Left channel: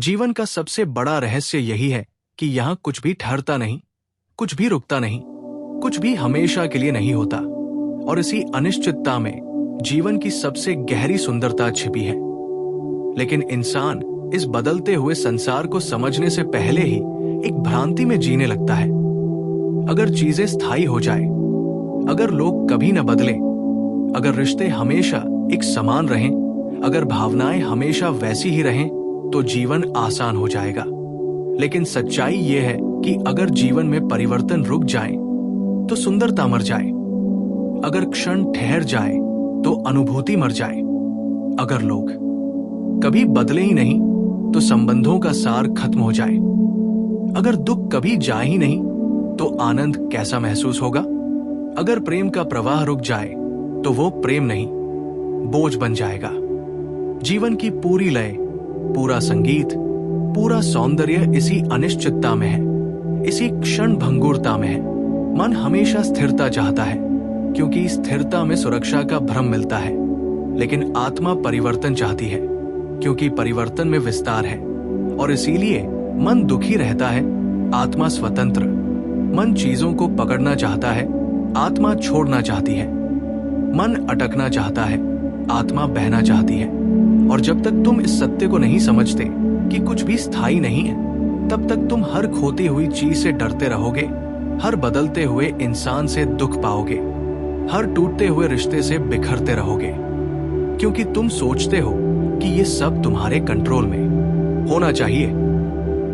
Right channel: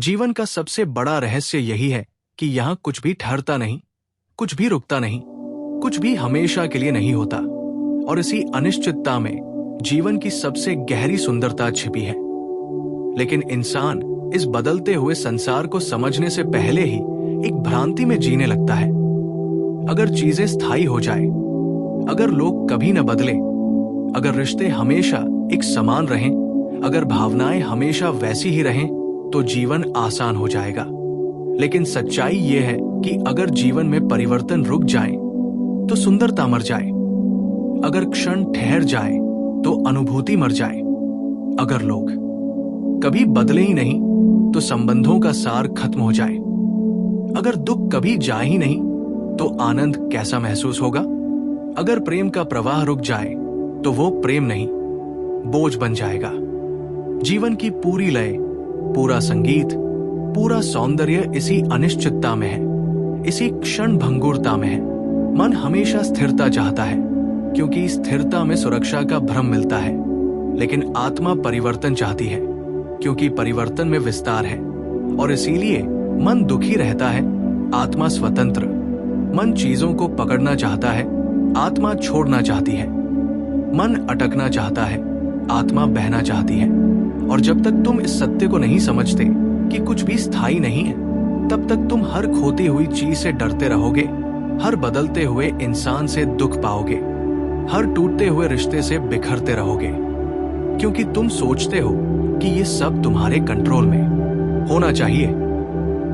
जीवन का सबसे बड़ा रहस्य यही है कि यहाँ कुछ भी ठहरता नहीं, कुछ भी रुकता नहीं, कुछ भी हमेशा के लिए नहीं होता। और इसी अनिश्चितता में जीवन की सबसे गहरी सुंदरता छिपी है। लेकिन इंसान इस बदलते हुए संसार को समझने से पहले ही एक भ्रांति में जीने लगता है। अगर चीजें स्थायी हो जाए, अगर लोग कभी न बदले, अगर रिश्ते हमेशा एक समान रहें, अगर भावनाएं हमेशा वैसी ही रहें, तो जीवन आसान हो जाएगा। लेकिन सच्चाई यह है कि अगर जीवन में परिवर्तन रुक जाए तो सुंदरता मर जाए, अगर क्षण ठहर जाए तो अनुभूति मर जाए, अगर लोग कभी बदले ही नहीं तो संबंधों का सार खत्म हो जाए, अगर दुख कभी जाए ही नहीं तो आनंद कैसा महसूस होगा, अगर प्रेम का प्रवाह रुक जाए तो वो प्रेम नहीं, बोझ बन जाएगा। जीवन की पूरी लय, पूरा संगीत, पूरा सौंदर्य इसी अनिश्चितता में है, इसी क्षण भंगुरता में है। मन हमेशा स्थिरता चाहता है क्योंकि स्थिरता में सुरक्षा का भ्रम मिलता है, लेकिन आत्मा परिवर्तन चाहती है क्योंकि परिवर्तन में विस्तार है। और इसीलिए मन दुखी रहता है, आत्मा स्वतंत्र। मन चीजों को पकड़ना चाहता है, आत्मा छोड़ना चाहती है। मन अटकना चाहता है, आत्मा बहना चाहती है। और जब तक तुम इस सत्य को नहीं समझते कि कुछ भी स्थायी नहीं है, तब तक तुम हर खोती हुई चीज से डरते रहोगे, हर बदलते हुए इंसान से दुख पाओगे, हर टूटते हुए रिश्ते से बिखरते रहोगे, क्योंकि तुम सोचते हो कि ये सब तुम्हारे कंट्रोल में होना चाहिए।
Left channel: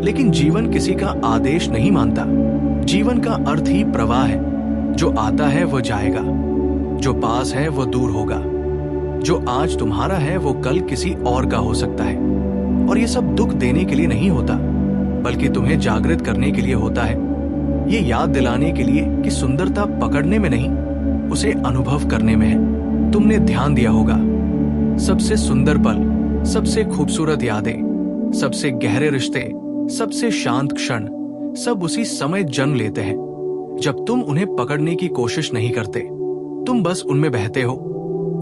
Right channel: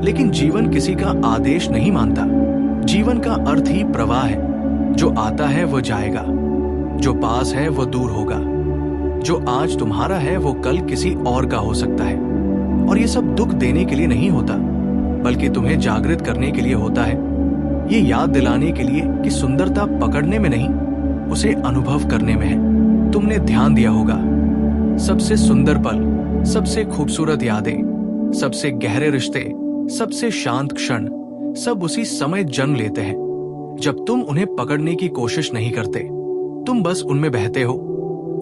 लेकिन जीवन किसी का आदेश नहीं मानता। जीवन का अर्थ ही प्रवाह है। जो आता है वो जाएगा, जो पास है वो दूर होगा, जो आज तुम्हारा है वो कल किसी और का हो सकता है। और ये सब दुख देने के लिए नहीं होता, बल्कि तुम्हें जागृत करने के लिए होता है। ये याद दिलाने के लिए कि सुंदरता पकड़ने में नहीं, उसे अनुभव करने में है। तुमने ध्यान दिया होगा, सबसे सुंदर पल, सबसे खूबसूरत यादें, सबसे गहरे रिश्ते, सबसे शांत क्षण सब उसी समय जन्म लेते हैं जब तुम उन्हें पकड़ने की कोशिश नहीं करते। तुम बस उनमें बहते हो,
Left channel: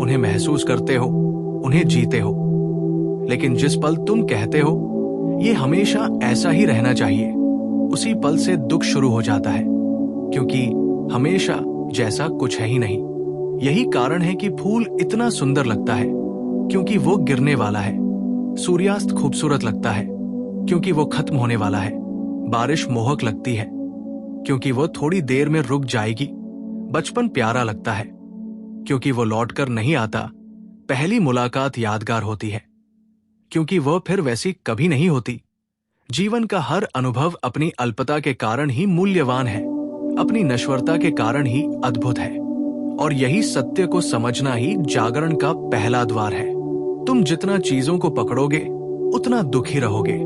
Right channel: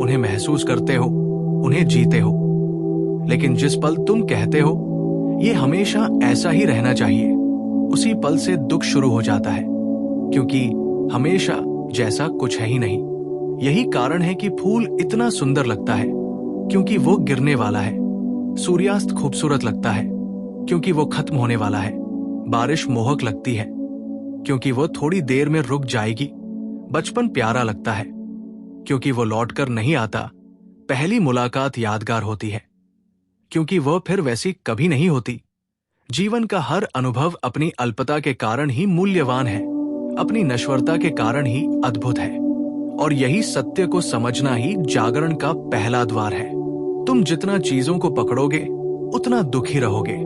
उन्हें महसूस करते हो, उन्हें जीते हो। लेकिन जिस पल तुम कहते हो ये हमेशा ऐसा ही रहना चाहिए, उसी पल से दुख शुरू हो जाता है, क्योंकि हमेशा जैसा कुछ है ही नहीं। यही कारण है कि फूल इतना सुंदर लगता है क्योंकि वो गिरने वाला है। सूर्यास्त खूबसूरत लगता है क्योंकि वो खत्म होने वाला है। बारिश मोहक लगती है क्योंकि वो थोड़ी देर में रुक जाएगी। बचपन प्यारा लगता है क्योंकि वो लौटकर नहीं आता। पहली मुलाकात यादगार होती है क्योंकि वो फिर वैसी कभी नहीं होती। जीवन का हर अनुभव अपनी अल्पता के कारण ही मूल्यवान है, अपनी नश्वरता के कारण ही अद्भुत है। और यही सत्य को समझना ही जागरण का पहला द्वार है। तुम जितना चीजों को पकड़ोगे उतना दुखी रहोगे,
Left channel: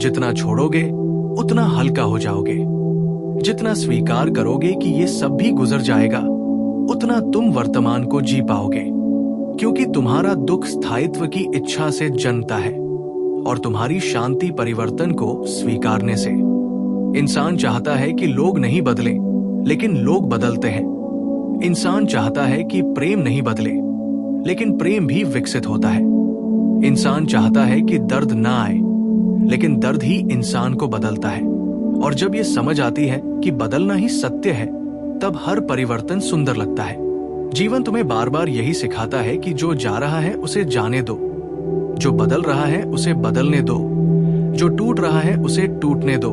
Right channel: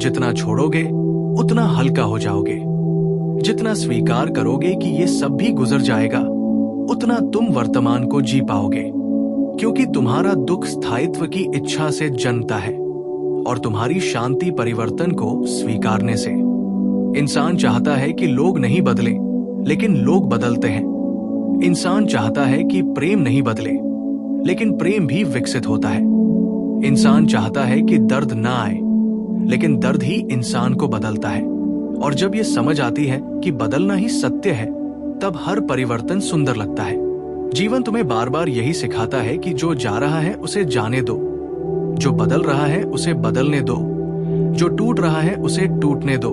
जितना छोड़ोगे उतना हल्का हो जाओगे, जितना स्वीकार करोगे कि ये सब भी गुजर जाएगा उतना तुम वर्तमान को जी पाओगे। क्योंकि तुम्हारा दुख स्थायित्व की इच्छा से जन्मता है और तुम्हारी शांति परिवर्तन को स्वीकारने से। इंसान चाहता है कि लोग नहीं बदले, लेकिन लोग बदलते हैं। इंसान चाहता है कि प्रेम नहीं बदले, लेकिन प्रेम भी विकसित होता है। इंसान चाहता है कि दर्द ना आए, लेकिन दर्द ही इंसान को बदलता है। और जब ये समझ आती है कि बदलना ही सत्य है, तब हर परिवर्तन सुंदर लगता है। जीवन तुम्हें बार बार यही सिखाता है कि जो जा रहा है उसे जाने दो, जो बदल रहा है उसे बदलने दो, जो टूट रहा है उसे टूटने दो,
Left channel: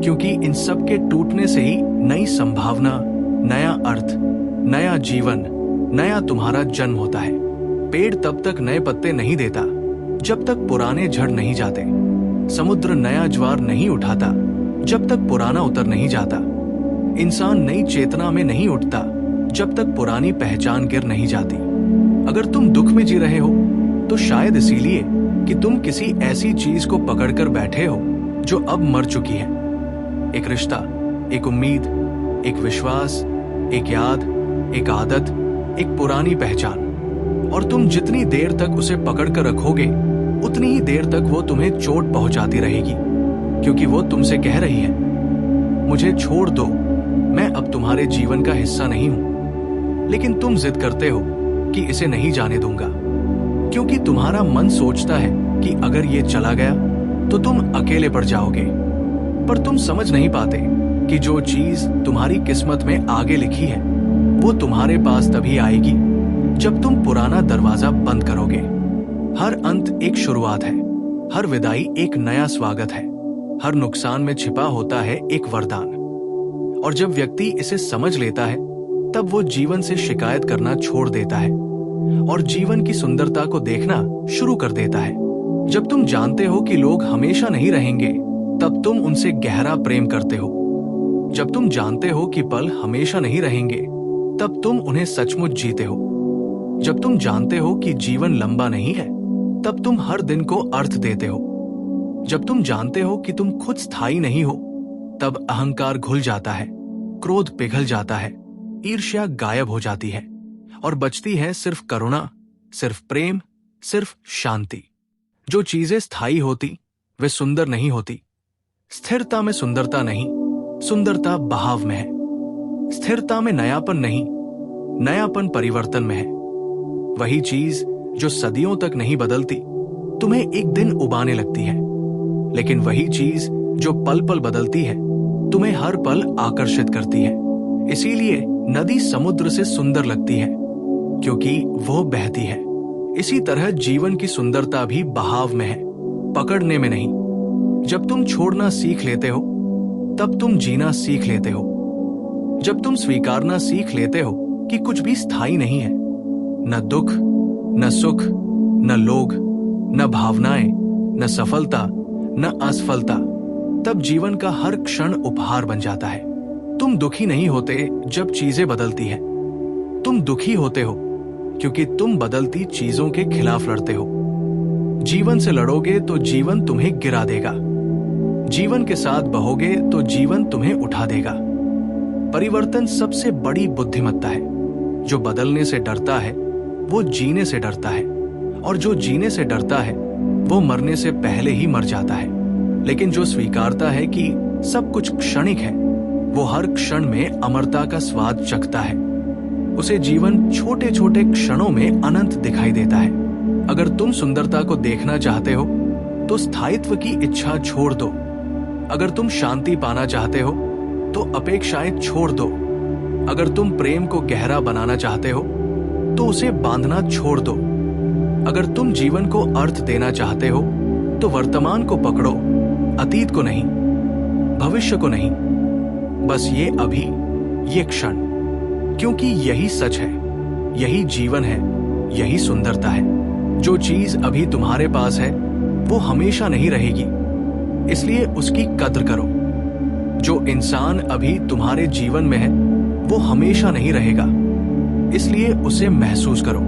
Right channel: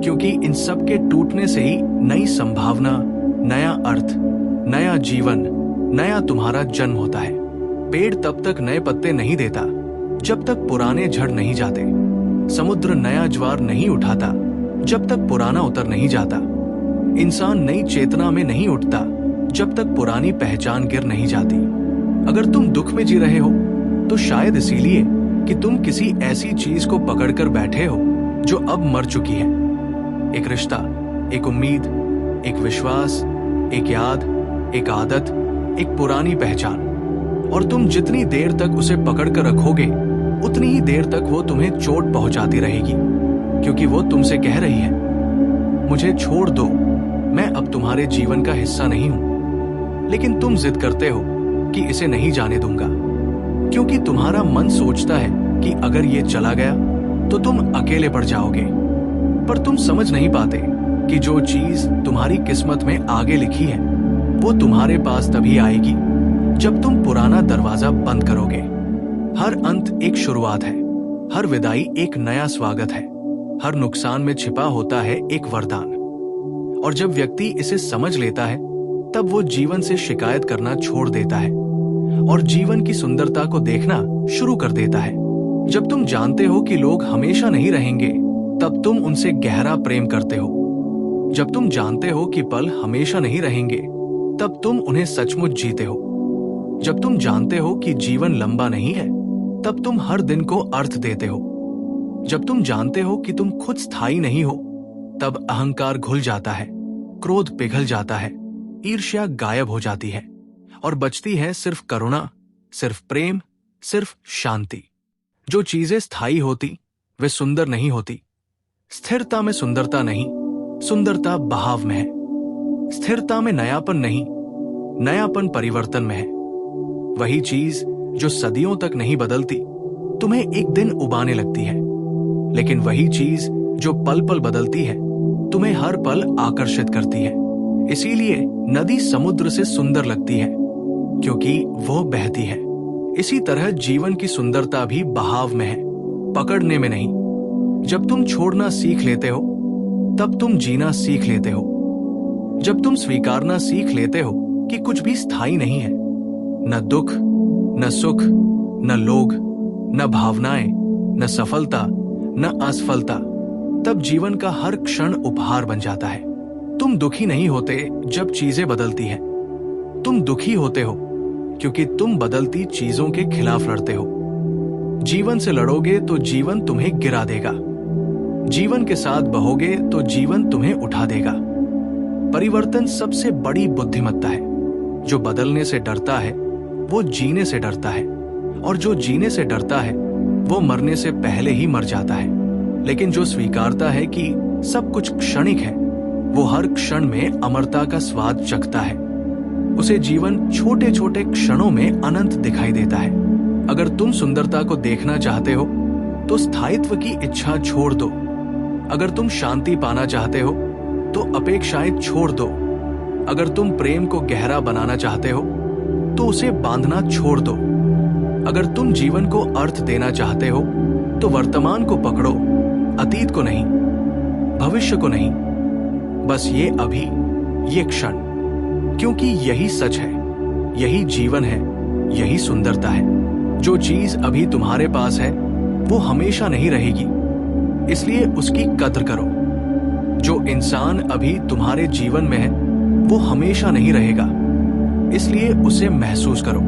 क्योंकि इन सब के टूटने से ही नई संभावना, नया अर्थ, नया जीवन, नया तुम्हारा जन्म होता है। पेड़ तब तक नए पत्ते नहीं देता जब तक पुराने झड़ नहीं जाते। समुद्र नया ज्वार नहीं उठाता जब तक पुराना उतर नहीं जाता। इंसान नई चेतना में नहीं उठता जब तक पुरानी पहचान गिर नहीं जाती। अगर तुम दुख में जी रहे हो तो शायद इसीलिए कि तुम किसी ऐसी चीज को पकड़कर बैठे हो जो अब मर चुकी है। एक रिश्ता, एक उम्मीद, एक विश्वास, एक याद, एक आदत, एक पुरानी पहचान। और तुम जितनी देर तक उसे पकड़कर रखोगे उतनी ही देर तक वो तुम्हें चोट पहुंचाती रहेगी, क्योंकि वो तुमसे कह रही है, मुझे छोड़ दो, मैं अब तुम्हारे जीवन का हिस्सा नहीं हूं। लेकिन तुम जिद करते हो कि इसे नहीं जाने दूंगा, क्योंकि तुम्हारा मन सोचता है कि अगर ये चला गया तो तुम अकेले पड़ जाओगे। पर तुम समझ नहीं पाते कि जो चीज तुम्हारी किस्मत में आगे लिखी है वो तुम्हारे पास तभी आएगी जब तुम पुराना दरवाजा बंद करोगे। हर अंत एक शुरुआत है, हर विदाई एक नया स्वागत है, हर नुकसान में छिपा होता है एक वरदान। और जब व्यक्ति इसे समझ लेता है तब वो जीवन से शिकायत करना छोड़ देता है और जीवन की सुंदरता को देखना शुरू कर देता है। जब तुम जानते हो कि लोग हमेशा नहीं रहेंगे तब तुम उनसे गहरा प्रेम करते हो। जब तुम जानते हो कि पल हमेशा नहीं रहेंगे तब तुम उन्हें सचमुच जीते हो। जब तुम जानते हो कि जीवन लंबा नहीं है तब तुम हर दिन को अर्थ देते हो। जब तुम जानते हो कि तुम खुद स्थायी नहीं हो तब अहंकार घुल जाता है, क्रोध पिघल जाता है, ईर्ष्या गायब हो जाती है और बचती है सिर्फ करुणा, सिर्फ प्रेम, सिर्फ शांति। जो चीजें स्थायी होती वे सुंदर नहीं होती। स्थिरता में सुंदरता नहीं, सुंदरता बहाव में है। स्थिरता में नयापन नहीं, नयापन परिवर्तन में है। वही चीज जो सदियों तक नहीं बदलती तुम्हें एक दिन उबाने लगती है, लेकिन वही चीज जो पल पल बदलती है तुम्हें हर पल आकर्षित करती है। इसीलिए नदी समुद्र से सुंदर लगती है क्योंकि वो बहती है। इसी तरह जीवन की सुंदरता भी बहाव में है, पकड़ने में नहीं। जब तुम छोड़ना सीख लेते हो तब तुम जीना सीख लेते हो। जब तुम स्वीकारना सीख लेते हो कि कुछ भी स्थायी नहीं है, न दुख, न सुख, न लोग, न भावनाएं, न सफलता, न असफलता, तब जीवन का हर क्षण उपहार बन जाता है। तुम दुखी नहीं होते जब चीजें बदलती हैं। तुम दुखी होते हो क्योंकि तुम बदलती चीजों के खिलाफ लड़ते हो। जीवन से लड़ोगे तो जीवन तुम्हें गिरा देगा। जीवन के साथ बहोगे तो जीवन तुम्हें उठा देगा। परिवर्तन सबसे बड़ी बुद्धिमत्ता है। जो बदलने से डरता है वो जीने से डरता है, और जो जीने से डरता है वो मरने से पहले ही मर जाता है। लेकिन जो स्वीकारता है कि सब कुछ क्षणिक है वो हर क्षण में अमरता का स्वाद चखता है। उसे जीवन छोटे छोटे क्षणों में अनंत दिखाई देता है। अगर तुम सुंदरता को देखना चाहते हो तो स्थायित्व की इच्छा छोड़ दो। अगर तुम शांति पाना चाहते हो तो अपेक्षाएं छोड़ दो। अगर तुम प्रेम को गहरा बनाना चाहते हो तो उसे बांधना छोड़ दो। अगर तुम जीवन को अर्थ देना चाहते हो तो वर्तमान को पकड़ो, अतीत को नहीं, भविष्य को नहीं, बस ये अभी, ये क्षण। क्योंकि यही सच है, यही जीवन है, यही सुंदरता है। जो चीज अभी तुम्हारे पास है वो हमेशा नहीं रहेगी, इसलिए उसकी कद्र करो। जो इंसान अभी तुम्हारे जीवन में है वो हमेशा नहीं रहेगा, इसलिए उसे महसूस करो।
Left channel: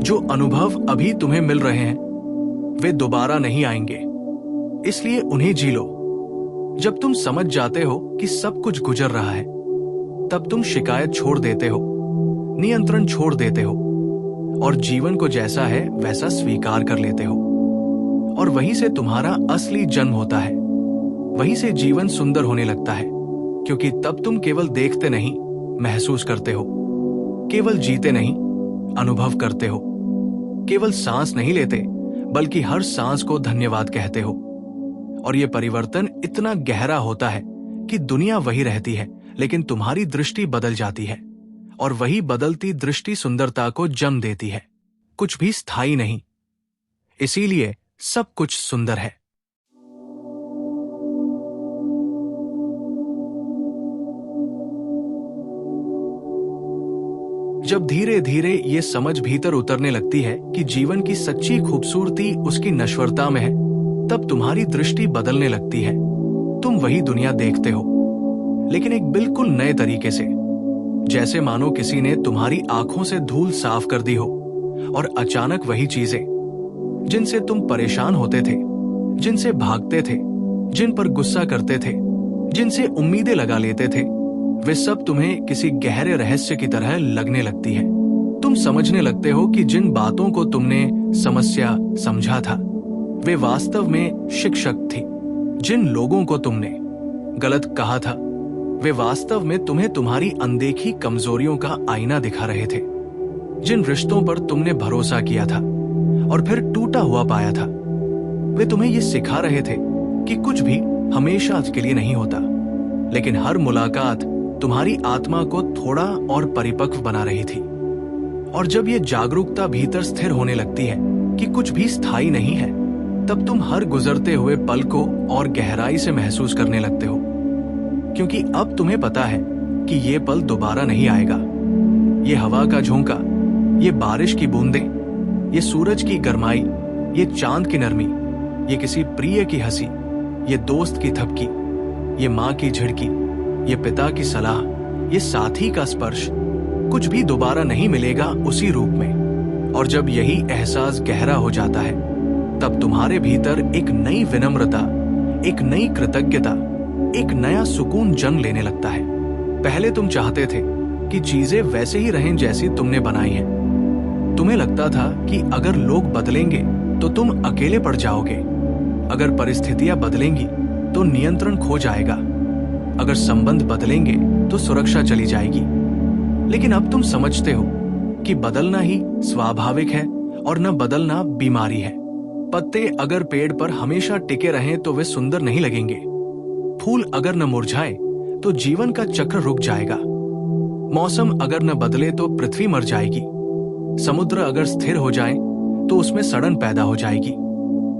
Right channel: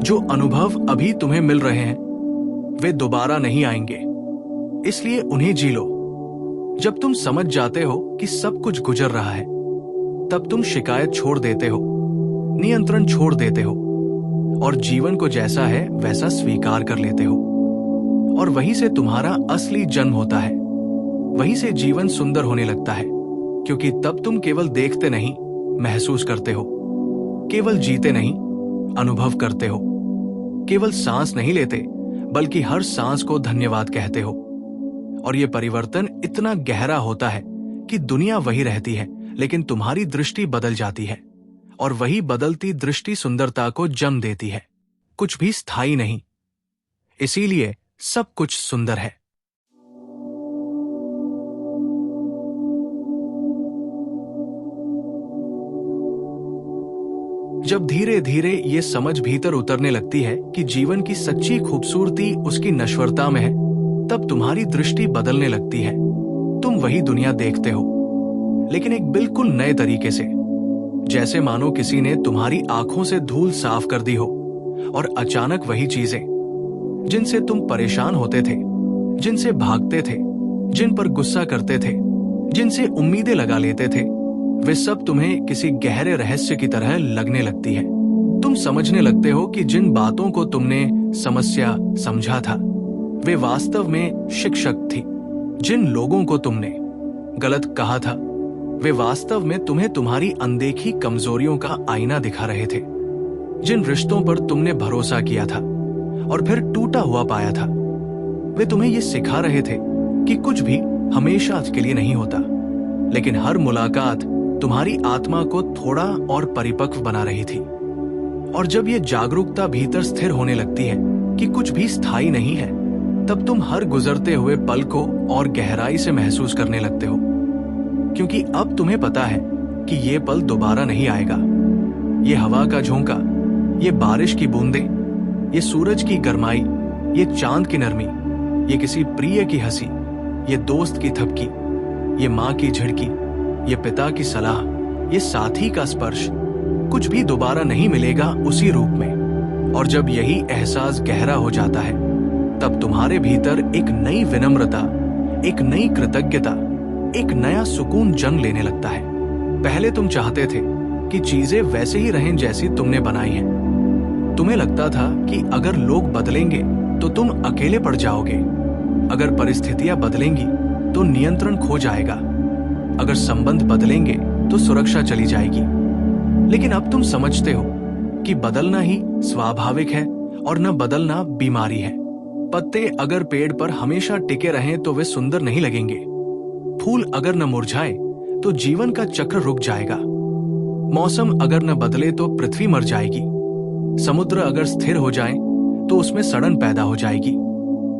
जो अनुभव अभी तुम्हें मिल रहे हैं वे दोबारा नहीं आएंगे, इसलिए उन्हें जी लो। जब तुम समझ जाते हो कि सब कुछ गुजर रहा है तब तुम शिकायत छोड़ देते हो, नियंत्रण छोड़ देते हो और जीवन को जैसा है वैसा स्वीकार कर लेते हो। और वहीं से तुम्हारा असली जन्म होता है। वहीं से जीवन सुंदर होने लगता है, क्योंकि तब तुम केवल देखते नहीं, महसूस करते हो। केवल जीते नहीं, अनुभव करते हो। केवल सांस नहीं लेते बल्कि हर सांस को धन्यवाद कहते हो। और ये परिवर्तन इतना गहरा होता है कि दुनिया वही रहती है लेकिन तुम्हारी दृष्टि बदल जाती है, और वही बदलती दृष्टि सुंदरता को जन्म देती है। कुछ भी स्थायी नहीं, इसीलिए सब कुछ सुंदर है। जब धीरे धीरे ये समझ भीतर उतरने लगती है कि जीवन की सच्ची खूबसूरती उसकी नश्वरता में है, तब तुम्हारी दृष्टि बदलने लगती है। तुम वही दुनिया देखते हो, लेकिन एक बिल्कुल नए तरीके से। जैसे मानो किसी ने तुम्हारी आंखों से धूल साफ कर दी हो, और अचानक वही चीजें जिनसे तुम परेशान होते थे, जिनसे भागते थे, जिन पर गुस्सा करते थे, जिनसे उम्मीदें लगा लेते थे, वे सब तुम्हें किसी गहरे रहस्य की तरह लगने लगती है। तुम समझने लगते हो कि जिन बातों को तुमने समस्या समझा था वे वास्तव में शिक्षक थी। जिन लोगों को तुमने गलत कहा था वे वास्तव में तुम्हें तुम्हारी अनदेखी कमजोरियों का आईना दिखा रहे थे। जिन रिश्तों पर तुमने भरोसा किया था और फिर टूटा हुआ पाया था वे तुम्हें ये सिखा रहे थे कि कुछ भी हमेशा के लिए नहीं होता, लेकिन हर मुलाकात तुम्हारी आत्मा को थोड़ा और परिपक्व बना रही थी। और जब ये जागरूकता भीतर स्थिर होने लगती है कि कुछ भी स्थायी नहीं है, तब तुम हर गुजरते हुए पल को और गहराई से महसूस करने लगते हो, क्योंकि अब तुम्हें पता है कि ये पल दोबारा नहीं आएगा। ये हवा का झोंका, ये बारिश की बूंदें, ये सूरज की गर्माई, ये चांद की नरमी, ये किसी प्रिय की हंसी, ये दोस्त की थपकी, ये माँ की झिड़की, ये पिता की सलाह, ये साथी का स्पर्श, कुछ भी दोबारा नहीं मिलेगा उसी रूप में। और जब यही एहसास गहरा हो जाता है, तब तुम्हारे भीतर एक नई विनम्रता, एक नई कृतज्ञता, एक नया सुकून जन्म लेने लगता है। पहले तुम चाहते थे कि चीजें वैसे ही रहें जैसी तुमने बनाई हैं। तुम्हें लगता था कि अगर लोग बदलेंगे तो तुम अकेले पड़ जाओगे, अगर परिस्थितियां बदलेंगी तो नियंत्रण खो जाएगा, अगर संबंध बदलेंगे तो सुरक्षा चली जाएगी। लेकिन अब तुम समझते हो कि बदलना ही स्वाभाविक है और न बदलना बीमारी है। पत्ते अगर पेड़ पर हमेशा टिके रहें तो वे सुंदर नहीं लगेंगे। फूल अगर न मुरझाए तो जीवन का चक्र रुक जाएगा। मौसम अगर न बदले तो पृथ्वी मर जाएगी। समुद्र अगर स्थिर हो जाए तो उसमें सड़न पैदा हो जाएगी।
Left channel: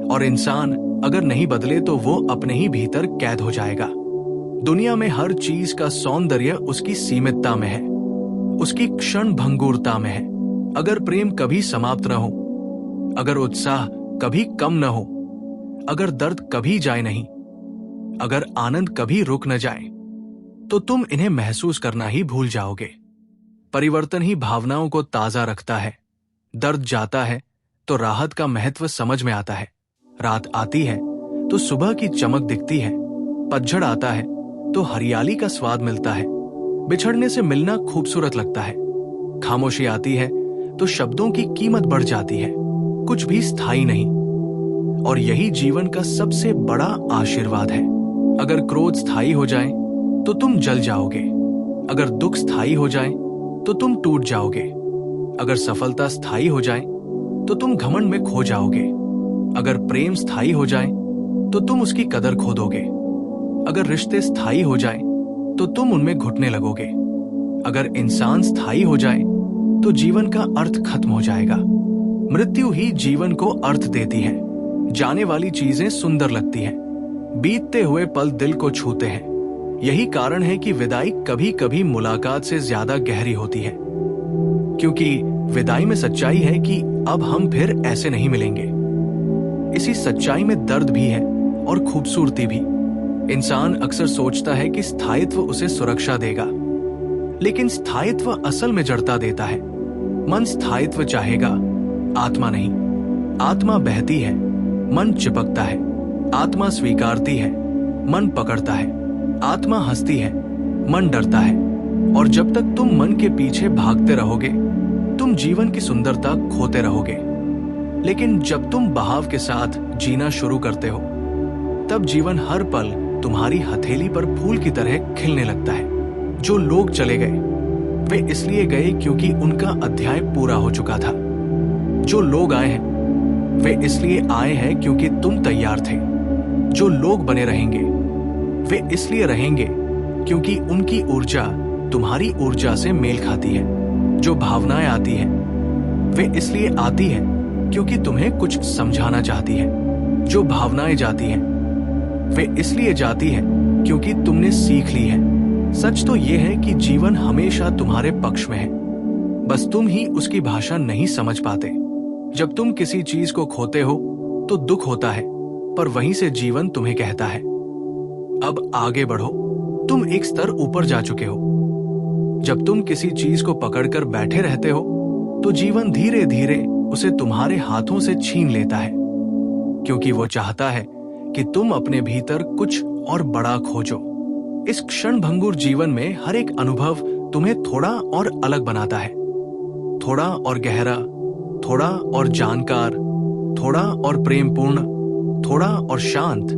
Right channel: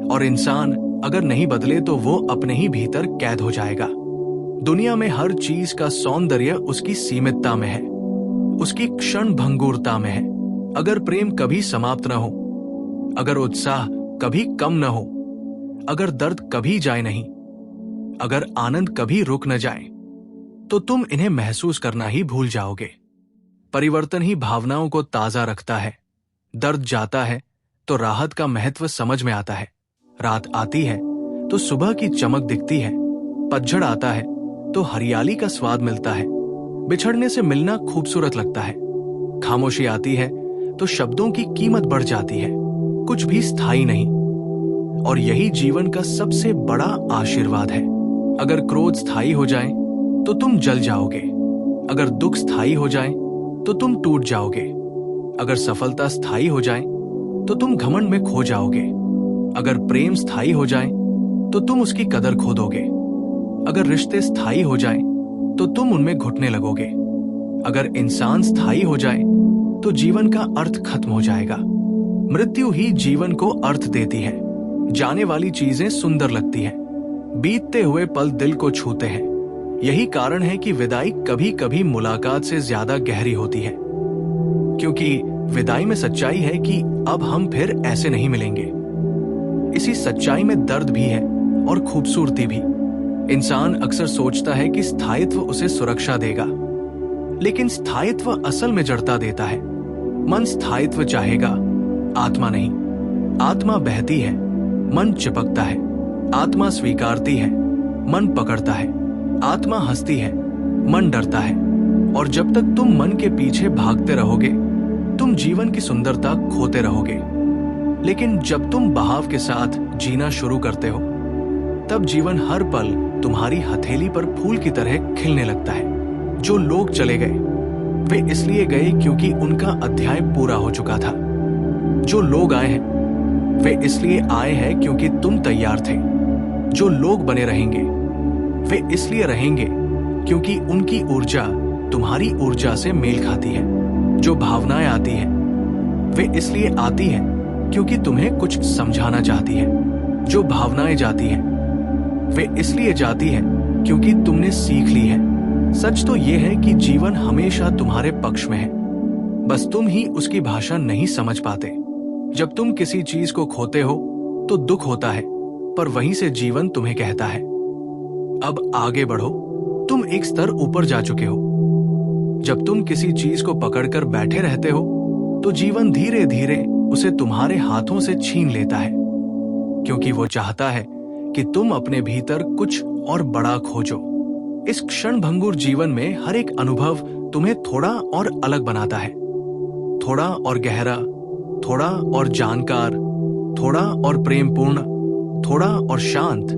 और इंसान अगर नहीं बदले तो वो अपने ही भीतर कैद हो जाएगा। दुनिया में हर चीज का सौंदर्य उसकी सीमितता में है, उसकी क्षण भंगुरता में है। अगर प्रेम कभी समाप्त न हो, अगर उत्साह कभी कम न हो, अगर दर्द कभी जाए नहीं, अगर आनंद कभी रुक न जाए, तो तुम इन्हें महसूस करना ही भूल जाओगे। परिवर्तन ही भावनाओं को ताजा रखता है। दर्द जाता है तो राहत का महत्व समझ में आता है। रात आती है तो सुबह की चमक दिखती है। पतझड़ आता है तो हरियाली का स्वाद मिलता है। बिछड़ने से मिलना खूबसूरत लगता है। खामोशी आती है तो शब्दों की कीमत बढ़ जाती है। कुछ भी स्थायी नहीं, और यही जीवन का सबसे बड़ा आशीर्वाद है। अगर क्रोध स्थायी हो जाए तो तुम जल जाओगे, अगर दुख स्थायी हो जाए तो तुम टूट जाओगे, अगर सफलता स्थायी हो जाए तो तुम घमंड में खो जाओगे, अगर प्रेम स्थायी हो जाए तो तुम उसकी कदर खो दोगे, अगर रिश्ते स्थायी हो जाए तो तुम उनमें घुटने लगोगे, अगर इंसान स्थायी हो जाए तो जीवन का अर्थ खत्म हो जाएगा। मृत्यु ही जीवन को अर्थ देती है। जाने वाली चीजें सुंदर लगती हैं, बीतते हुए पल दिल को छूते हैं। यही कारण है कि विदाई कभी कभी मुलाकात से ज्यादा गहरी होती है, क्योंकि विदाई में सच्चाई है कि अब हम फिर ऐसे नहीं मिलेंगे। इसी सच्चाई में दर्द भी है और खूबसूरती भी। इंसान अक्सर सोचता है कि स्थायित्व उसे सुरक्षा देगा, लेकिन स्थायित्व असल में जड़ता देता है। मन स्थायित्व चाहेगा, आत्मा नहीं। आत्मा बहती है, मन चिपकता है। आत्मा स्वीकारती है, मन पकड़ता है। आत्मा हंसती है, मन डरता है। और जब तक तुम मन के पीछे भागते रहोगे, तुम जीवन की सुंदरता खोते रहोगे। लेकिन जब तुम बहाव के साथ जीना शुरू करते हो, तब जीवन हर पल तुम्हारी हथेली पर फूल की तरह खिलने लगता है। जो लोग चले गए, वे इसलिए गए क्योंकि उनका अध्याय पूरा हो चुका था। जो लोग आए हैं, वे इसलिए आए हैं क्योंकि तुम तैयार थे। जो लोग बने रहेंगे, वे इसलिए रहेंगे क्योंकि उनकी ऊर्जा तुम्हारी ऊर्जा से मेल खाती है। जो भावनाएं आती हैं, वे इसलिए आती हैं क्योंकि तुम्हें कुछ समझाना चाहती है। जो भावनाएं जाती हैं, वे इसलिए जाती हैं क्योंकि तुमने सीख ली है। सच तो यह है कि जीवन हमेशा तुम्हारे पक्ष में है, बस तुम ही उसकी भाषा नहीं समझ पाते। जब तुम किसी चीज को खोते हो तो दुख होता है, पर वहीं से जीवन तुम्हें कहता है, अब आगे बढ़ो, तुम एक स्तर ऊपर जा चुके हो। जब तुम किसी चीज को पकड़कर बैठे रहते हो तो जीवन धीरे धीरे उसे तुम्हारे हाथों से छीन लेता है, क्योंकि वो चाहता है कि तुम अपने भीतर कुछ और बड़ा खोजो। इस क्षण भंगुर जीवन में हर एक अनुभव तुम्हें थोड़ा और अलग बनाता है, थोड़ा और गहरा, थोड़ा और जानकार, थोड़ा और प्रेमपूर्ण, थोड़ा और शांत,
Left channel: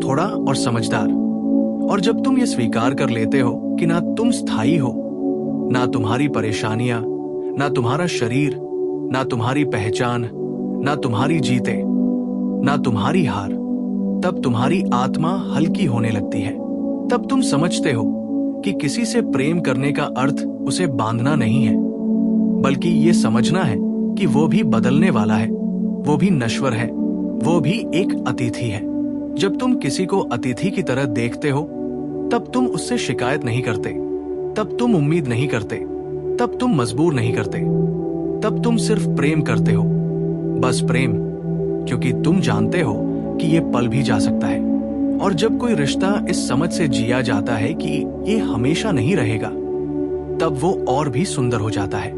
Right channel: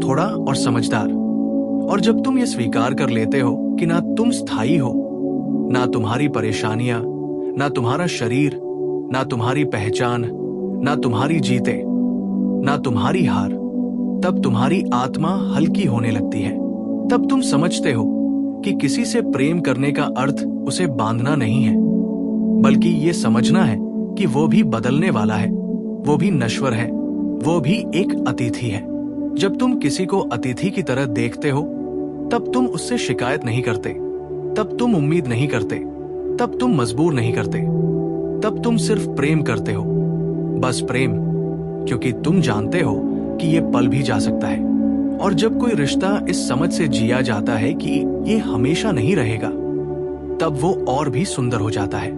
थोड़ा और समझदार। और जब तुम ये स्वीकार कर लेते हो कि ना तुम स्थायी हो, ना तुम्हारी परेशानियां, ना तुम्हारा शरीर, ना तुम्हारी पहचान, ना तुम्हारी जीते, ना तुम्हारी हार, तब तुम्हारी आत्मा हल्की होने लगती है। तब तुम समझते हो कि किसी से प्रेम करने का अर्थ उसे बांधना नहीं है, बल्कि ये समझना है कि वो भी बदलने वाला है, वो भी नश्वर है, वो भी एक अतिथि है। जब तुम किसी को अतिथि की तरह देखते हो, तब तुम उससे शिकायत नहीं करते, तब तुम उम्मीद नहीं करते, तब तुम मजबूर नहीं करते, तब तुम सिर्फ प्रेम करते हो, बस प्रेम, क्योंकि तुम जानते हो कि ये पल भी जा सकता है। और जब कोई रिश्ता इस समझ से जिया जाता है कि ये हमेशा नहीं रहेगा, तब वो और भी सुंदर हो जाता है।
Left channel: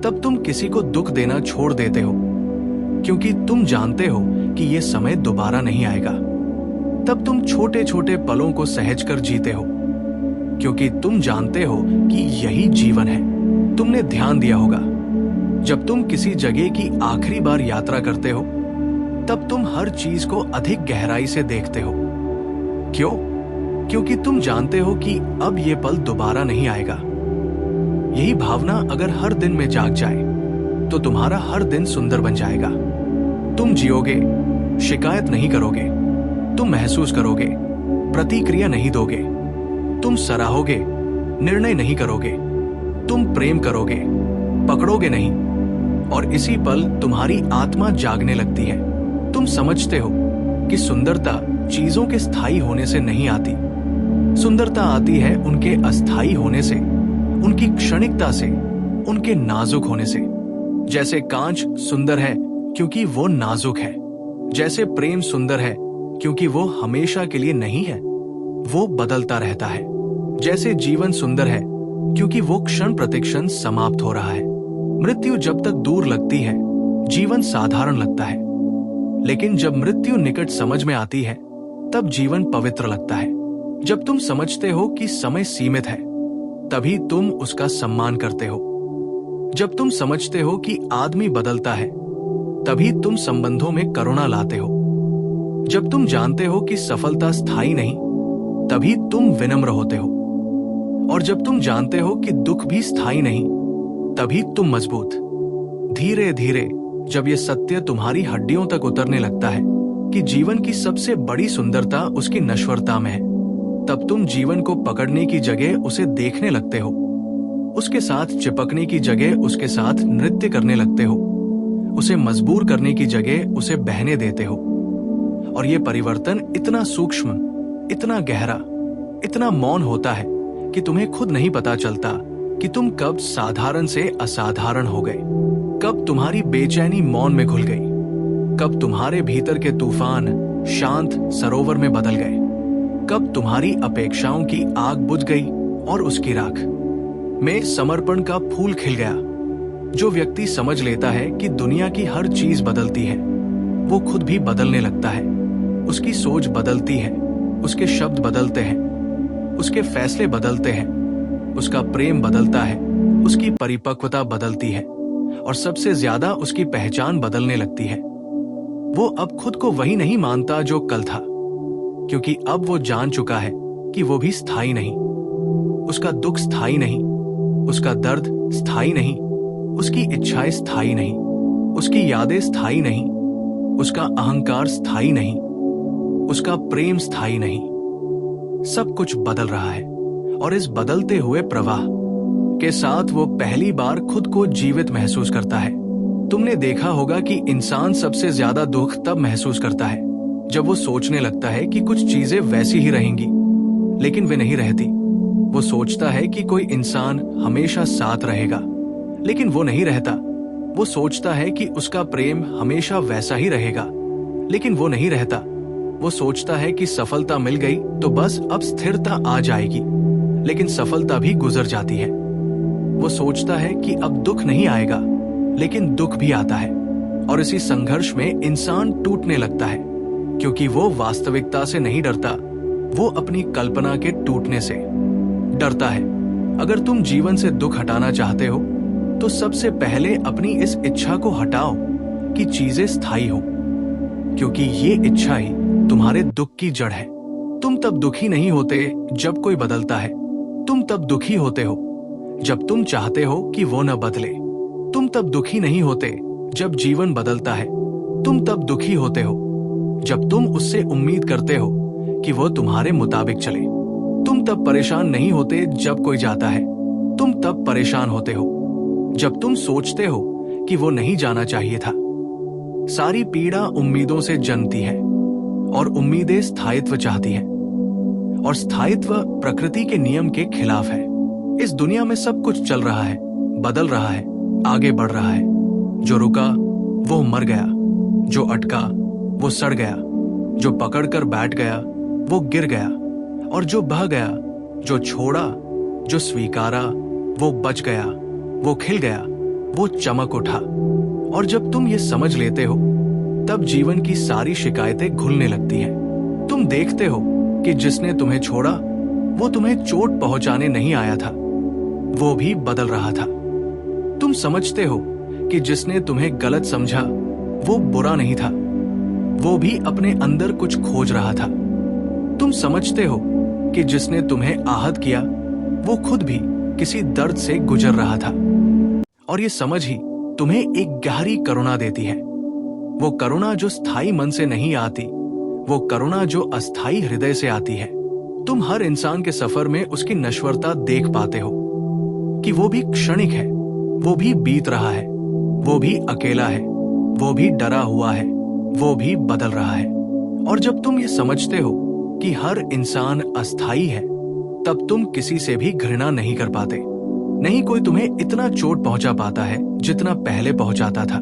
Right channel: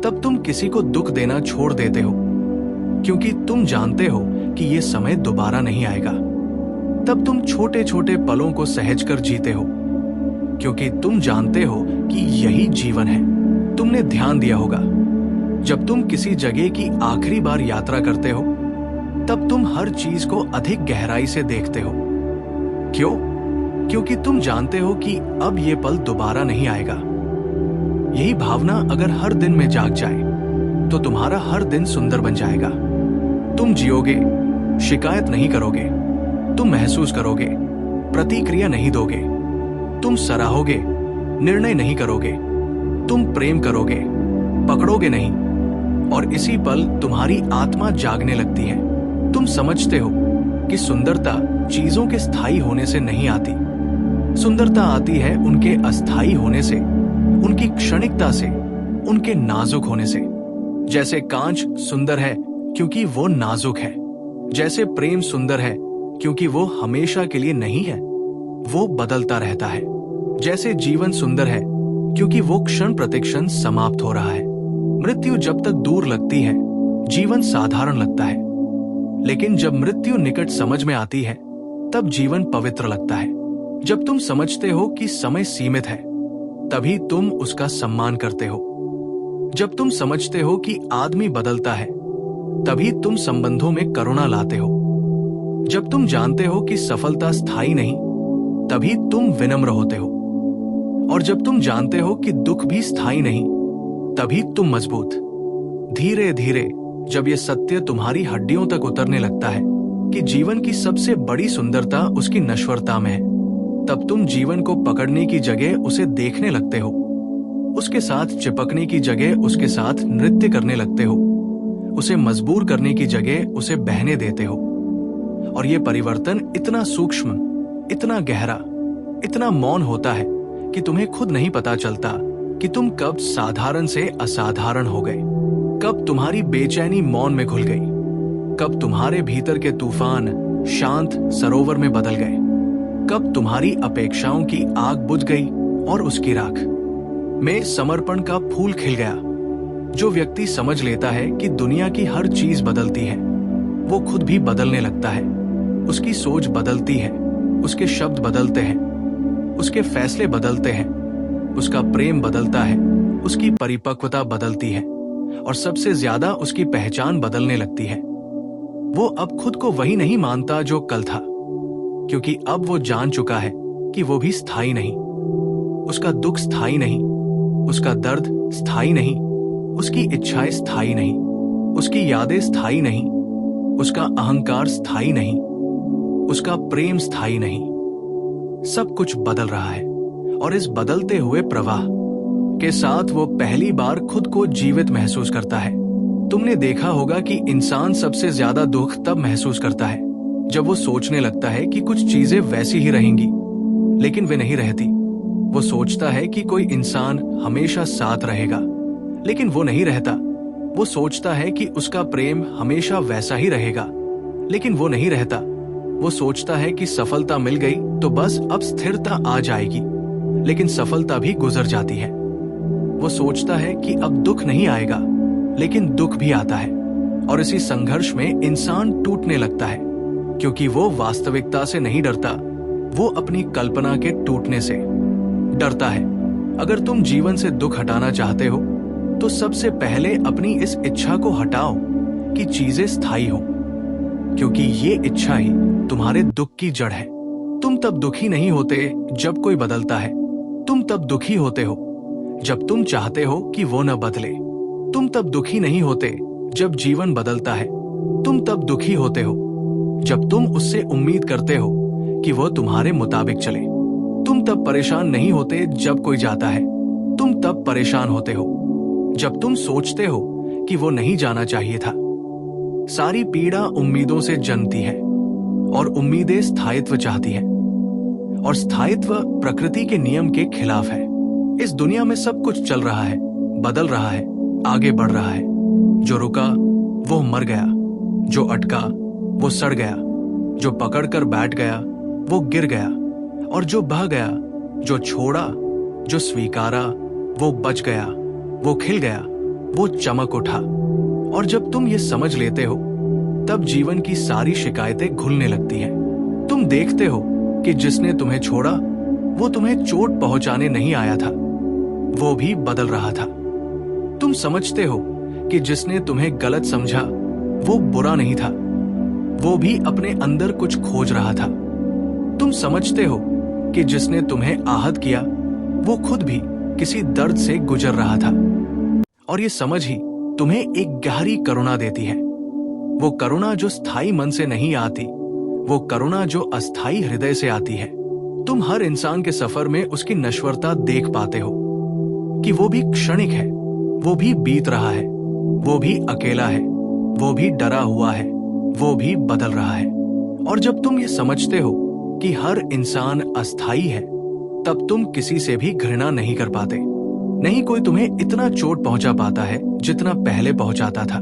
तब तुम किसी को दुख देना छोड़ देते हो, क्योंकि तुम जानते हो कि ये समय दोबारा नहीं आएगा। तब तुम छोटे छोटे पलों को सहज कर जीते हो, क्योंकि तुम जानते हो कि यही जीवन है। तुमने ध्यान दिया होगा, जब तुम किसी जगह की आखिरी बार यात्रा करते हो, तब तुम हर चीज को अधिक गहराई से देखते हो। क्यों? क्योंकि तुम जानते हो कि अब ये पल दोबारा नहीं आएगा। यही भावना अगर हर दिन में जाग जाए, तो तुम्हारा हर दिन सुंदर बन जाएगा। तुम जियोगे, शिकायत नहीं करोगे, तुम महसूस करोगे, प्रतिक्रिया नहीं दोगे, तुम सराहोगे, निर्णय नहीं करोगे, तुम प्रेम करोगे, पकड़ोगे नहीं। और इसी पल तुम्हारी आत्मा जागने लगती है। तुम समझते हो कि सुंदरता चीजों के स्थायी होने से नहीं आती। सुंदरता आती है उनके अस्थायी होने से, उनकी क्षणिकता से, उनके नाजुक होने से। जैसे कांच सुंदर है क्योंकि वो नाजुक है, जैसे प्रेम सुंदर है क्योंकि वो हमेशा के लिए नहीं है, वो बदलता रहता है। जैसे जीवन सुंदर है क्योंकि वो क्षण प्रतिक्षण समाप्त हो रहा है। मृत्यु जब तक दूर लगती है, जीवन साधारण लगता है, लेकिन जब मृत्यु निकट समझ में आती है, तब जीवन पवित्र लगता है। जब तुम समझते हो कि समय सीमित है, तभी तुम उसका सम्मान करते हो। जब तुम समझते हो कि आदमी बदलता है, तभी तुम संबंधों में करुणा लाते हो। जब तुम जानते हो कि सफलता स्थायी नहीं, तभी तुम विनम्र होते हो। और जब तुम जानते हो कि दुख भी स्थायी नहीं, तभी तुम मजबूत। धीरे धीरे जब ये सत्य तुम्हारी हड्डियों तक उतरने लगता है कि जीवन की सबसे बड़ी सुंदरता उसकी नश्वरता में है, तब तुम जीवन को पकड़ने की जगह उसे देखने लगते हो, उसके साथ चिपकने की जगह उसके साथ नृत्य करने लगते हो, उसे मजबूर करने की जगह उसे बहने देते हो। और ये परिवर्तन इतना सूक्ष्म, इतना गहरा, इतना मौन होता है कि तुम्हें खुद नहीं पता चलता कि तुम कब साधारण से असाधारण हो गए, कब तुम्हारी बेचैनी मौन में घुल गई, कब तुम्हारे भीतर के तूफान शांत सरोवर में बदल गए, कब तुम्हारी अपेक्षाओं की आग बुझ गई और उसकी राख में समर्पण का फूल खिल गया। जो व्यक्ति समझ लेता है कि दुनिया की हर चीज बदलती है, वो खुद भी बदलने लगता है। उसकी सोच बदलती है, उसके शब्द बदलते हैं, उसके फैसले बदलते हैं, उसका प्रेम बदलता है, उसकी परिपक्वता बदलती है, और सबसे ज्यादा उसकी पहचान बदलने लगती है। वो अब खुद को वही नहीं मानता जो कल था, क्योंकि अब वो जान चुका है कि वो भी स्थायी नहीं। उसका दुख स्थायी नहीं, उसका दर्द स्थायी नहीं, उसकी इच्छाएं स्थायी नहीं, उसकी यादें स्थायी नहीं, उसका अहंकार स्थायी नहीं, उसका प्रेम स्थायी नहीं। सब कुछ बदल रहा है, और इस बदलते हुए प्रवाह के साथ वो पहली बार खुद को जीवित महसूस करता है। तुमने देखा होगा कि इंसान सबसे ज्यादा दुख तब महसूस करता है जब वो सोचने लगता है कि कुछ चीजें वैसी ही रहेंगी, लेकिन वे नहीं रहती। वो सोचता है कि कोई इंसान हमेशा साथ रहेगा, लेकिन वो नहीं रहता। वो सोचता है कि उसका प्रेम हमेशा वैसा ही रहेगा, लेकिन वो नहीं रहता। वो सोचता है कि सफलता मिल गई तो बस अब स्थिरता आ जाएगी, लेकिन सफलता भी गुजर जाती है। वो सोचता है कि अब दुख नहीं आएगा, लेकिन दुख भी आता है, और इसी संघर्ष में इंसान टूटने लगता है, क्योंकि वो वास्तविकता से नहीं डरता, वो अपनी कल्पना के टूटने से डरता है। अगर तुम जीवन से दुख हटाना चाहते हो, तो सबसे पहले अपनी इस इच्छा को हटाओ कि चीजें स्थायी हों, क्योंकि ये इच्छा ही तुम्हारे दुख की जड़ है। तुम तब दुखी नहीं होते जब कोई बदलता है, तुम तब दुखी होते हो जब तुम चाहते हो कि वो न बदले। तुम तब दुखी नहीं होते जब जीवन बदलता है, तुम तब दुखी होते हो जब तुम उससे उम्मीद करते हो कि वह तुम्हारे मुताबिक चले। तुम तब परेशान नहीं होते जब कोई जाता है, तुम तब परेशान होते हो जब तुम सोचते हो कि वो नहीं जाना चाहिए था। सारी पीड़ा उम्मीदों से जन्मती है और उम्मीदें स्थायित्व चाहती है, और स्थायित्व प्रकृति के नियम के खिलाफ है। इस दुनिया में सब कुछ चल रहा है, बदल रहा है, आगे बढ़ रहा है। जो रुका वो मर गया, जो अटका वो सड़ गया, जो पकड़कर बैठ गया वो गिर गया, और जो बह गया, जो छोड़ा, जो स्वीकारा वो बच गया, वो खिल गया, वो चमक उठा। और जब तुम ये समझ लेते हो तब जीवन की सारी शिकायतें घुलने लगती हैं। तुम देखते हो कि जिसने तुम्हें छोड़ा वो तुम्हें चोट पहुंचाने नहीं आया था, वो भी बदल रहा था। तुम समझते हो कि जिसने तुम्हें गलत समझा वो बुरा नहीं था, वो भी अपने अंदर कुछ खोज रहा था। तुम समझते हो कि जिसने तुम्हें आहत किया वो खुद भी किसी दर्द से गुजर रहा था, और ये समझ ही तुम्हें एक गहरी करुणा देती है। वो करुणा जो स्थायी मन से नहीं आती, वो करुणा जो अस्थायी हृदय से आती है। तुम हर इंसान के सफर में उसकी नश्वरता देख पाते हो कि वो भी क्षणिक है, वो भी बीत रहा है, वो भी अकेला है, वो भी डरा हुआ है, वो भी बदल रहा है। और जब तुम ये समझते हो कि हर इंसान अस्थायी है, तब तुम किसी से भी घृणा नहीं कर पाते। नहीं कोई तुम्हें इतना चोट पहुंचा पाता है जितना पहले पहुंचाता था,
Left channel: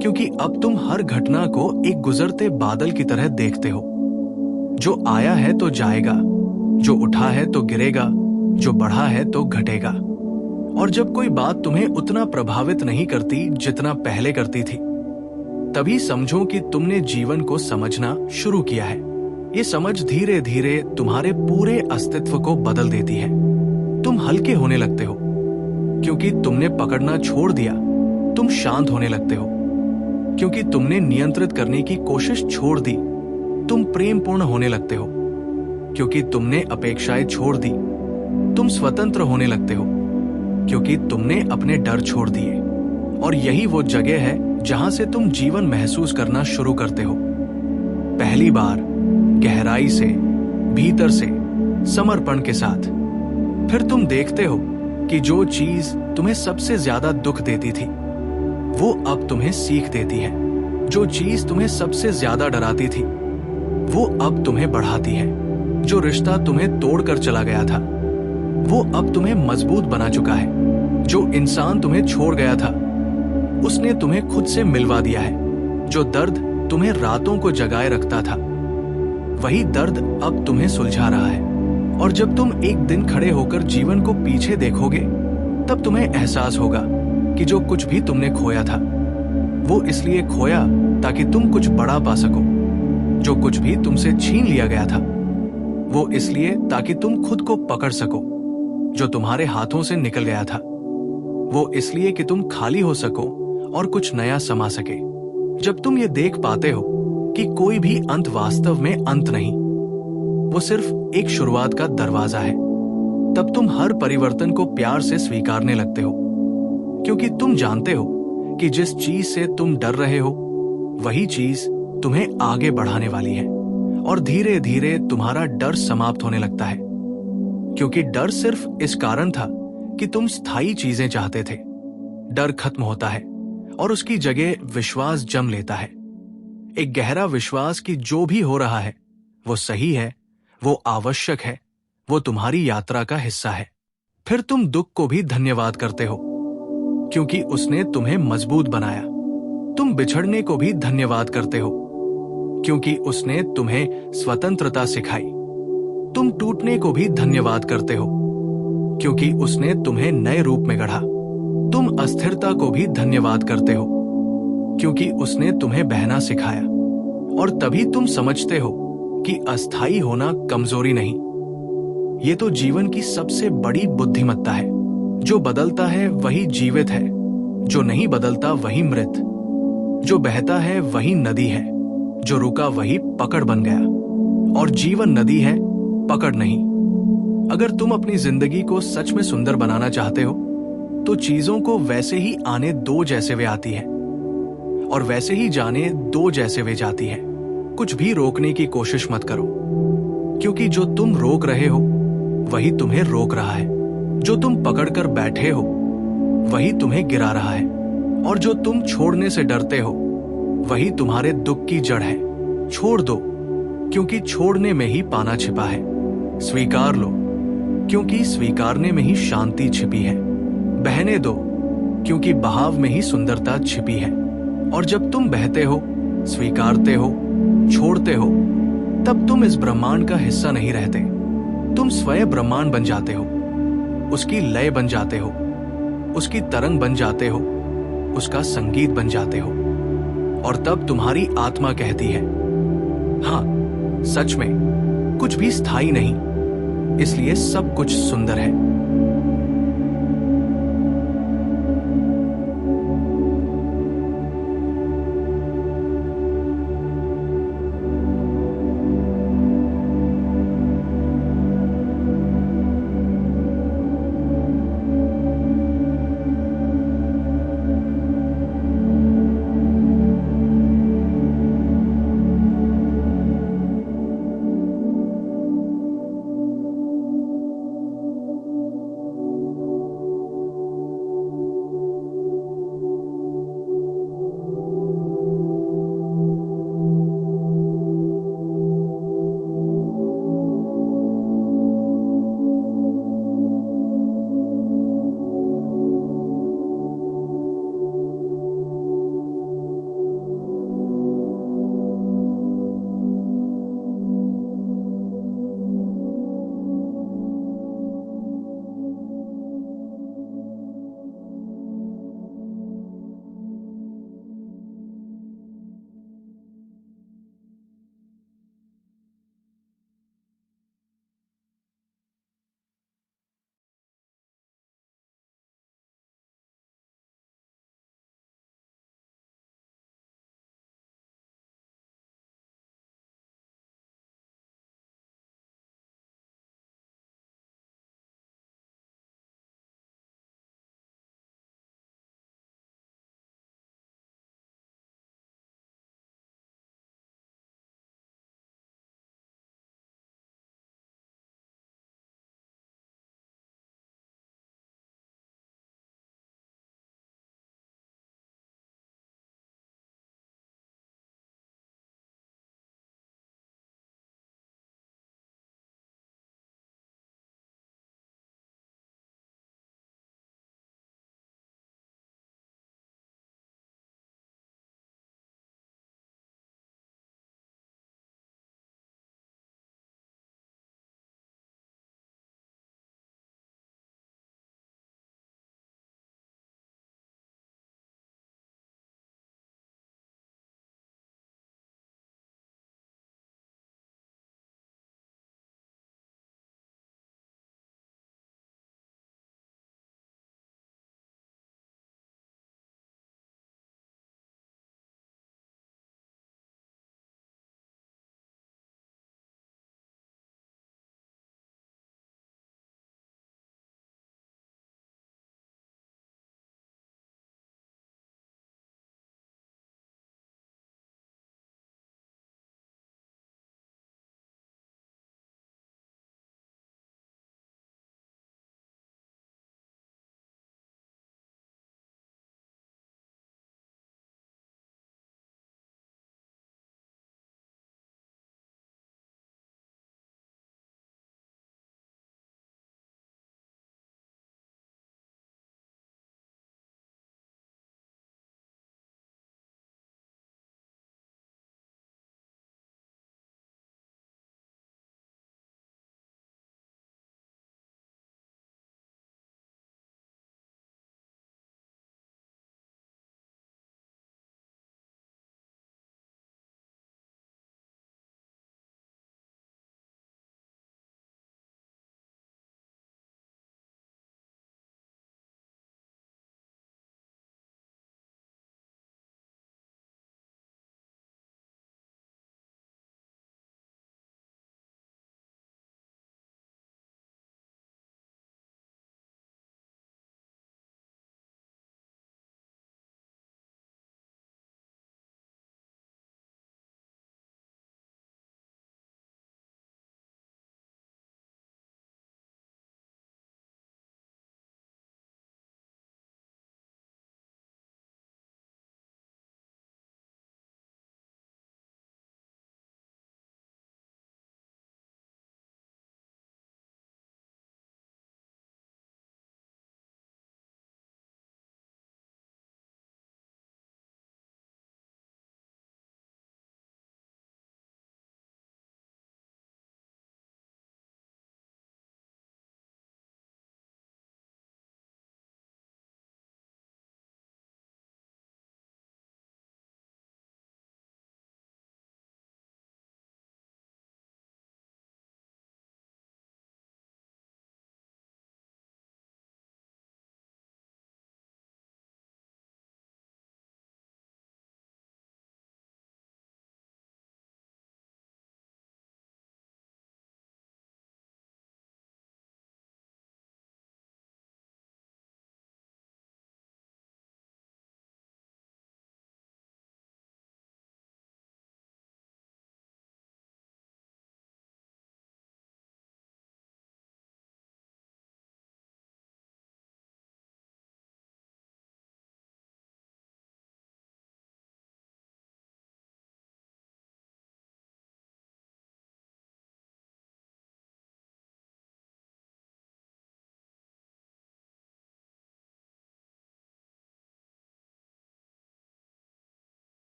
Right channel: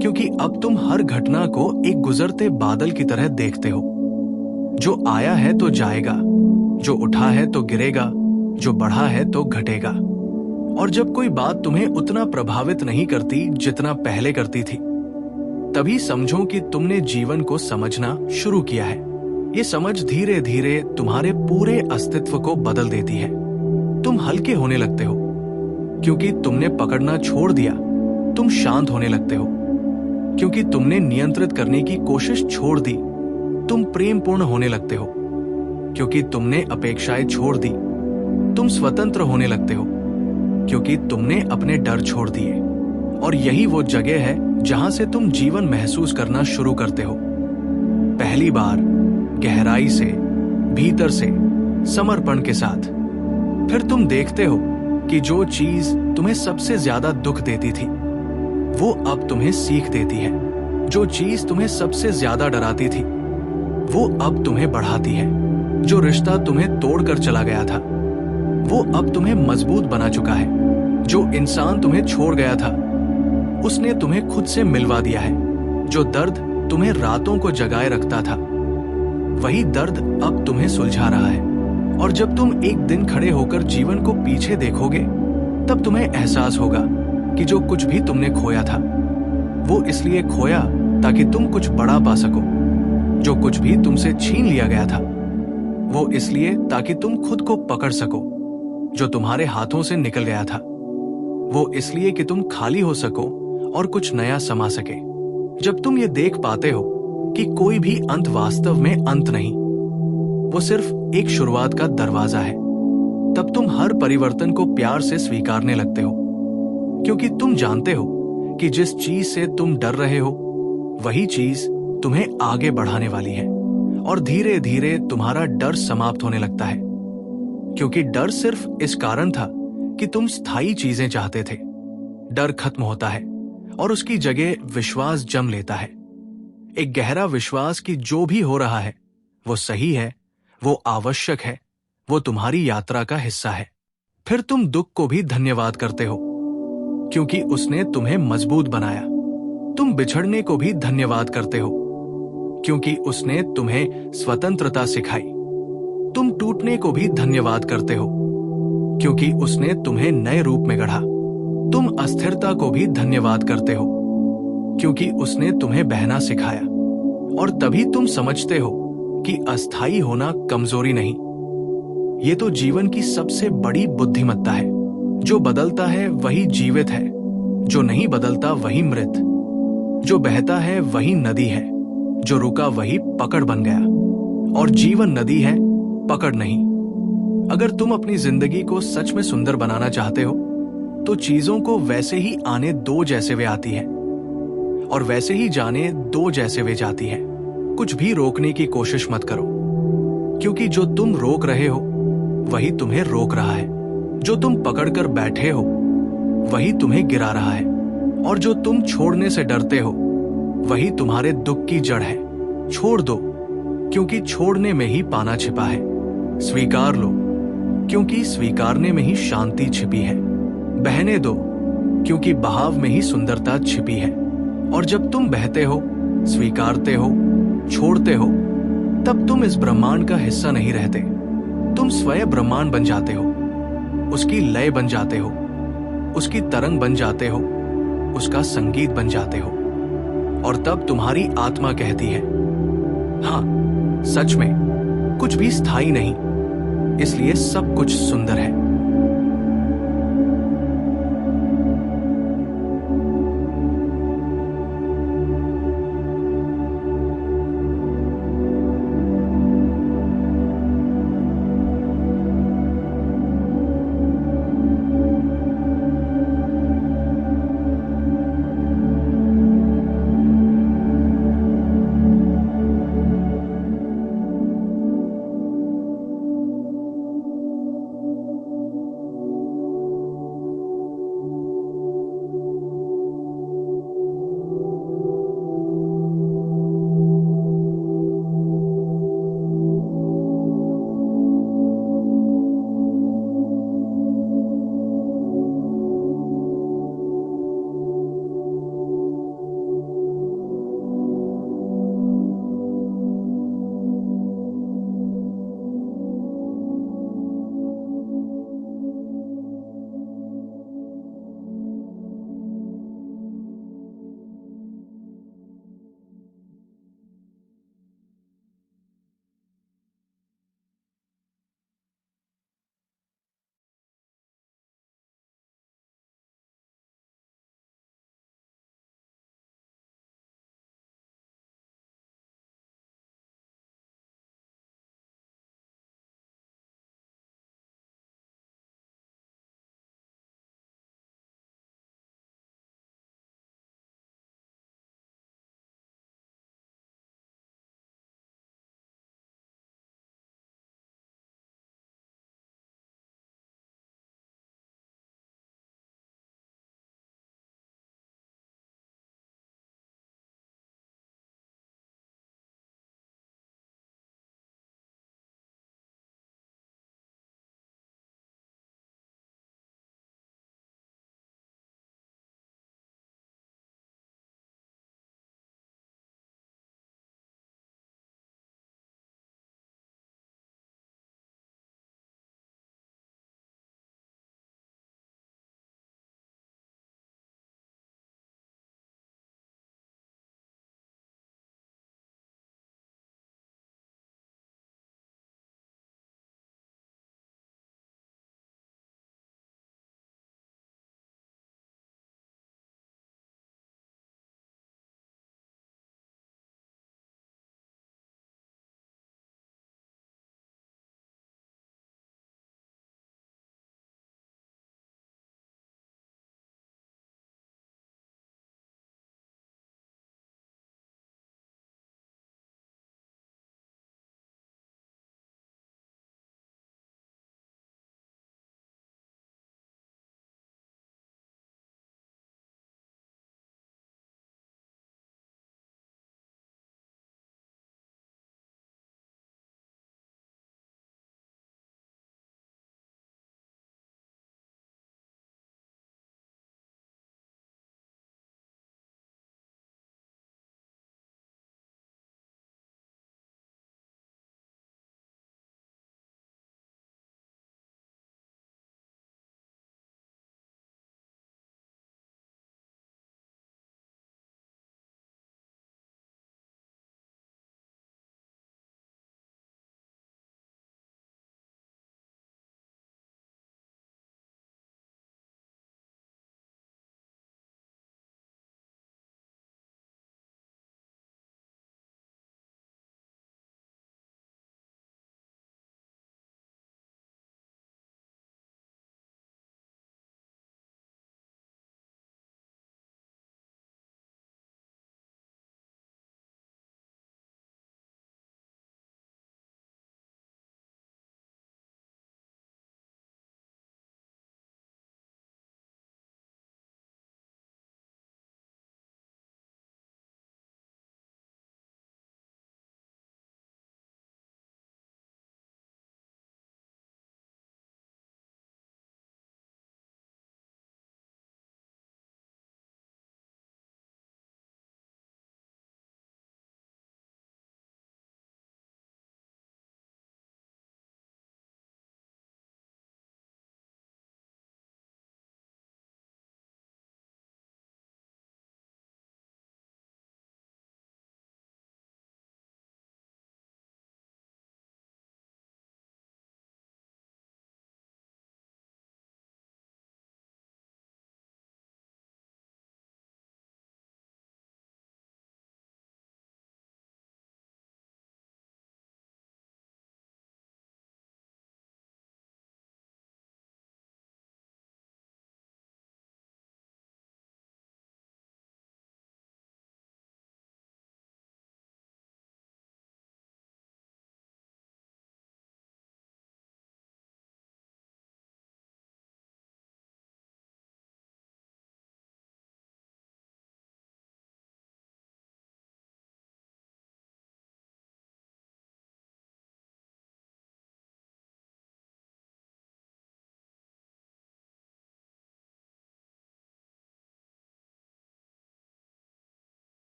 क्योंकि अब तुम हर घटना को एक गुजरते बादल की तरह देखते हो। जो आया है तो जाएगा, जो उठा है तो गिरेगा, जो बढ़ा है तो घटेगा। और जब कोई बात तुम्हें उतना प्रभावित नहीं करती जितना पहले करती थी, तभी समझो कि तुमने जीवन को समझना शुरू किया है। ये समझ धीरे धीरे तुम्हारे पूरे अस्तित्व को बदल देती है। तुम हल्के होने लगते हो क्योंकि तुमने पकड़ना छोड़ दिया। तुम शांत होने लगते हो क्योंकि तुमने नियंत्रित करने की कोशिश छोड़ दी। तुम प्रेमपूर्ण होने लगते हो क्योंकि तुमने अपेक्षाएं छोड़ दी। तुम स्वतंत्र होने लगते हो क्योंकि तुमने अपने डर छोड़ दिए। और यही वो जगह है जहां से तुम जीवन महसूस करना शुरू करते हो, पहली बार, गहराई से, भीतर से, समर्पण के साथ। फिर तुम देखते हो कि जो चीज तुम्हें सबसे ज्यादा दुख देती थी वो अब तुम्हें सीख देती है। जो चीज तुम्हें सबसे ज्यादा डराती थी वो अब तुम्हें बढ़ाती है। जो रिश्ता तुम्हें तोड़कर चला गया था वो अब तुम्हें मजबूत बना चुका है। जो इंसान तुम्हें छोड़ गया था उसने तुम्हें खुद से मिलवा दिया है। जो दर्द तुम्हें रातों को जगाए रखता था वही दर्द अब तुम्हें सुलझा रहा है। और जब तुम एक दिन खड़े होकर जीवन को पीछे देखोगे तब तुम्हें एहसास होगा कि जो कुछ भी तुमने खोया था वो इसलिए खोया ताकि तुम कुछ बड़ा पा सको। जो कुछ भी तुमसे छीन लिया गया था वो इसलिए ताकि तुम खुद को पकड़ सको। जो तुम्हारे हाथों से निकल गया था वो इसलिए कि तुम खाली हो सको और कुछ नया समा सके। जब तुम ये देख पाते हो कि कोई भी अंत वास्तव में अंत नहीं, वो सिर्फ एक शुरुआत का दरवाजा है, तब तुम हर परिवर्तन को प्यार से स्वीकारने लगते हो, क्योंकि तुम जानते हो कि जिस चीज से तुम डर रहे हो वही चीज तुम्हें आगे बढ़ाने वाली है। और धीरे धीरे तुम्हारा डर समाप्त होने लगता है, क्योंकि डर सिर्फ इस कारण था कि तुम स्थायी चीजें चाहते थे। डर खत्म होता है और उसकी जगह विश्वास जम लेता है। एक गहरा विश्वास कि जो भी हो रहा है वो सही है, वो आवश्यक है, वो तुम्हारी यात्रा का हिस्सा है। फिर तुम दुख को भी धन्यवाद करते हो क्योंकि उसने तुम्हें मजबूत बनाया। तुम बिछड़ने को भी धन्यवाद करते हो क्योंकि उसने तुम्हें स्वतंत्रता सिखाई। तुम टूटने को भी धन्यवाद करते हो क्योंकि उसने तुम्हें नए रूप में गढ़ा। तुम अस्थिरता को भी धन्यवाद करते हो क्योंकि उसने तुम्हें बहना सिखाया। और तभी तुम समझते हो कि अस्थायी होना कमजोरी नहीं, ये तो जीवन की सबसे बड़ी बुद्धिमत्ता है। जो बदलता है वही जीवित है, जो नहीं बदलता वही मृत। जो बहता है वही नदी है, जो रुका वही पकड़ बन गया। और जीवन नदी है, पकड़ नहीं। अगर तुम अपनी जिंदगी को सच में सुंदर बनाना चाहते हो तो चीजों को वैसे ही आने दो जैसे वे आती है और वैसे ही जाने दो जैसे वे जाती है। कुछ भी रोकने की कोशिश मत करो, क्योंकि जो तुम रोक रहे हो वही तुम्हें रोक रहा है। जो तुम पकड़कर बैठे हो वही तुम्हें गिरा रहा है, और जो तुम छोड़ने से डरते हो वही तुम्हारे दुख की जड़ है। छोड़ दो, क्योंकि छोड़ने में ही पाना छिपा है। स्वीकार लो, क्योंकि स्वीकारने में ही शांति छिपी है। बहने दो, क्योंकि बहाव में ही सुंदरता छिपी है। और जब तुम बहते हो, स्वीकारते हो, छोड़ते हो, तब तुम इस ब्रह्मांड का हिस्सा नहीं रहते। तुम स्वयं ब्रह्मांड बन जाते हो, उसकी लय बन जाते हो, उसकी तरंग बन जाते हो, उसका संगीत बन जाते हो। और तब तुम्हारी आत्मा कहती है, हाँ, सच में कुछ भी स्थायी नहीं, इसलिए सब कुछ सुंदर है।